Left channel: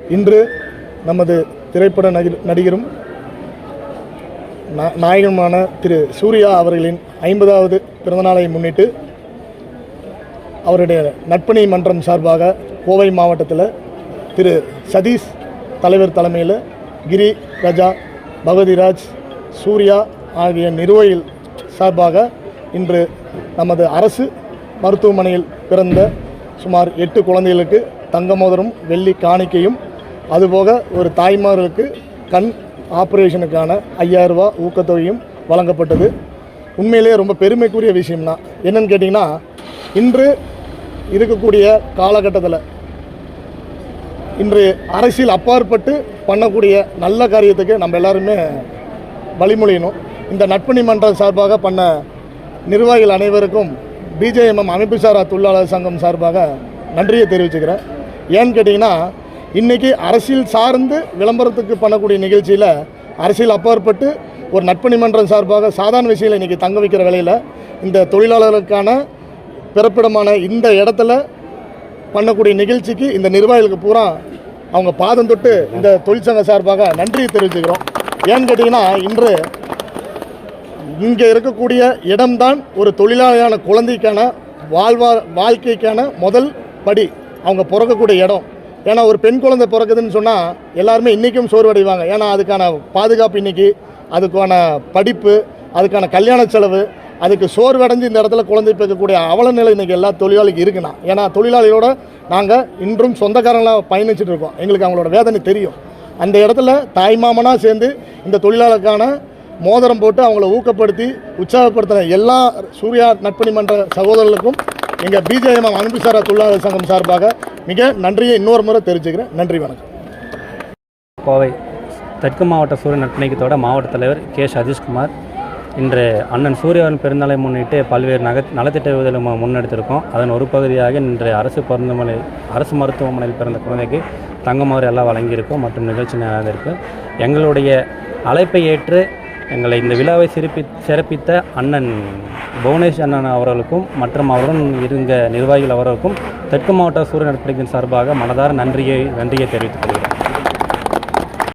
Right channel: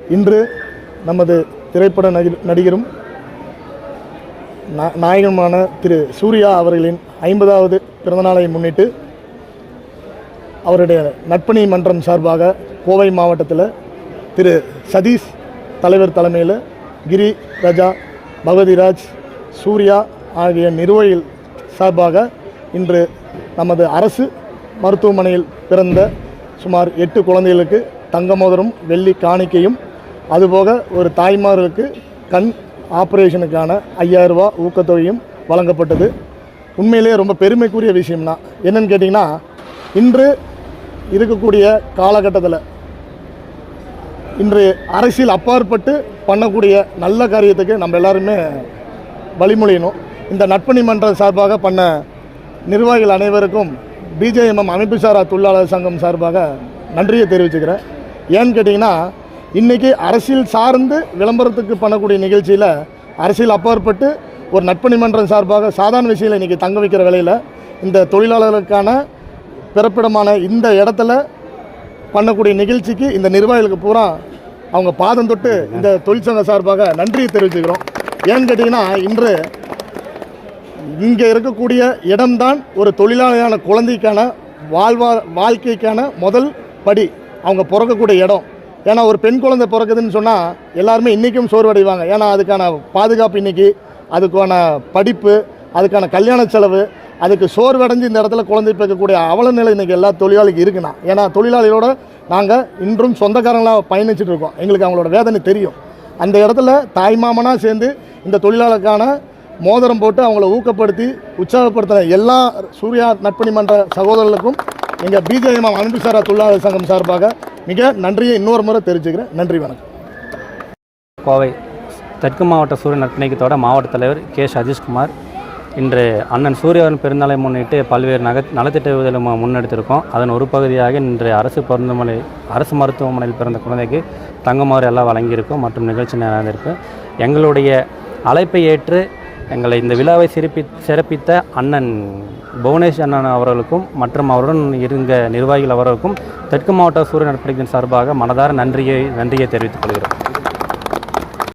இன்று நமது திரைப்பட நடி- நடிகரும் நாயகனுமான திரு சூர்யா அவர்களின் ஐம்பதாவது பிறந்தநாளை முன்னிட்டு அவருடைய நட்பணி மன்றம் சார்பாக கோவை மாவட்டத்தில் திரு சதீஷ் தலைவர் தலைமையில் கிரி ரஜா பகவதிராஜ் சூர்யா ஆகிய நிர்வாகிகள் சார்பாக இன்று நமது அரசு மருத்துவமனையில் பிறந்த சுமார் எட்டு குழந்தைகளுக்கு தங்க மோதிரம் வெள்ளி காணிக்கையும் அதுபோக ஒரு தாய்மார்களுக்கு கண் ஆப்ரேஷனுக்கான ஐயாயிரம் ரூபாய் ஊக்கத்தொகையும் வழங்கப்பட்டது. உண்மையிலேயே ரொம்ப பெருமைக்குரிய விஷயம்னா என்னன்னு கேட்டிங்கன்னா இன்று இருக்கக்கூடிய காலகட்டத்தில் இன்று அரசியல் அப்பாற்பட்டு பண்ணக்கூடிய நல்ல காரியத்துக்கு நம்ம எல்லாருமே வழிமொழியணும் இந்த நட்பணி மன்றம் சார்பாக பண்ண நிர்வாகிகள் அனைவருக்கும் பிஜேஎம்எம் அமைப்பு சாரா தொழிலாளர் சங்கம் சார்பாக நன்றியை தெரிவிச்சுக்கிறேன். ஏன்னு கேட்டிங்கன்னா இன்றைக்கி அரசியல் சார்ந்து விளம்பரத்துக்கு பண்ணக்கூடிய நிகழ்ச்சியில் அரசியல் அப்பாற்பட்டு ஒரு நட்பணி மன்றம் சார்பாக சாதாரண விஷயத்தில் இன்றைக்கி தங்க வைக்கிற வேலையில் இந்த தொழிலாளர்களுக்கான பிறப்பிடமான இந்த இடத்துல பண்ணக்கூடிய நிகழ்ச்சிக்கு இந்த நிர்வாகிகளுக்கு பூரா அவங்க பாதம் தொட்டு இந்த தொழிற்சங்க சார்பாக நன்றியை தெரிவிச்சுக்கிறோம். ஏன்னு கேட்டிங்கன்னா இன்று இங்கே இருக்கக்கூடிய இடம்தான் ஒரு தொழிலாளியான குழந்தைக்கான வாழ்வா வாழ்க்கைக்கான முதல் படி. அவங்க பிறக்கக்கூடிய இடம். ஏன்னா ஒரு பெண் குழந்தை பிறக்குதுன்னு சொன்னால் எல்லாருமே இன்றைக்கும் சோர்வடைவாங்க. ஏன்னா அதுக்கான பாதுகாப்பு இன்னைக்கு அதுக்கான படிப்பு அதுக்கான கல்யாண செலவு அதுக்கு சோர்வடைஞ்சு இந்த இடத்துல குழந்தை பிறக்கக்கூடிய அவல நிலை இன்றைக்கி எல்லா தொழிலாளிக்கும் இருக்குண்ணா. ஏன்னா தொழிலாளிகளோட நாங்கள் இன்றும் சொந்தக்காரங்களாக பயணிச்சுட்டு இருக்கோம். எங்களுக்கு அவங்களோட வேதனை தெரியும். அந்த இடத்துல தாய்மாமனாக சேர்ந்து இந்த தொழிலாளருக்கான மோதிரம் போட்டு அவங்கள ஊக்கப்படுத்தி உற்சாகப்படுத்தின எல்லா சூர்யா நட்பணி மன்ற சகோதரர்களுக்கும் எங்கள் பிஜேஎம் அன்புசாரா தொழிலாளர் சங்கம் சார்பாக மிக நன்றியை இன்னொரு முறை தெரிவிச்சுக்கிறேன். நன்றி வணக்கம். கோவை தெற்கு மாவட்ட சூரிய நட்பணிக்கத்தோட மாவட்ட தலைவர் கே சதீஷ்குமார் இன்று அண்ணன் சூரியவன் பிறந்தநாளை முன்னிட்டு பல்வேறு நக நலத்திட்ட உதவிகளை முன்னெடுத்திருக்கோம். அதன் ஒரு பகுதியாக இன்று அரசு மருத்துவமனை அரசு மருத்துவமனையில் பிறந்த குழந்தைக்கு தங்கமாறு எல்லாம் வழங்கியிருக்கும் மற்றும் நிகழ்ச்சி நடந்திருக்கு எங்களுடைய அழைப்பை ஏற்று எங்களை இந்த விழாவை சிறப்பி சிறப்பித்த அண்ணன் புவனேஷ் அண்ணன் அவர்களுக்கும் மற்றும் அவருடன் இருந்த நிர்வாகிகள் அவர்களுக்கும் தெற்கு மாவட்ட சூரிய நட்பணிக்கின் சார்பாக மனதார நன்றியை நன்றியை தெரிவித்துக் கொள்கிறேன்.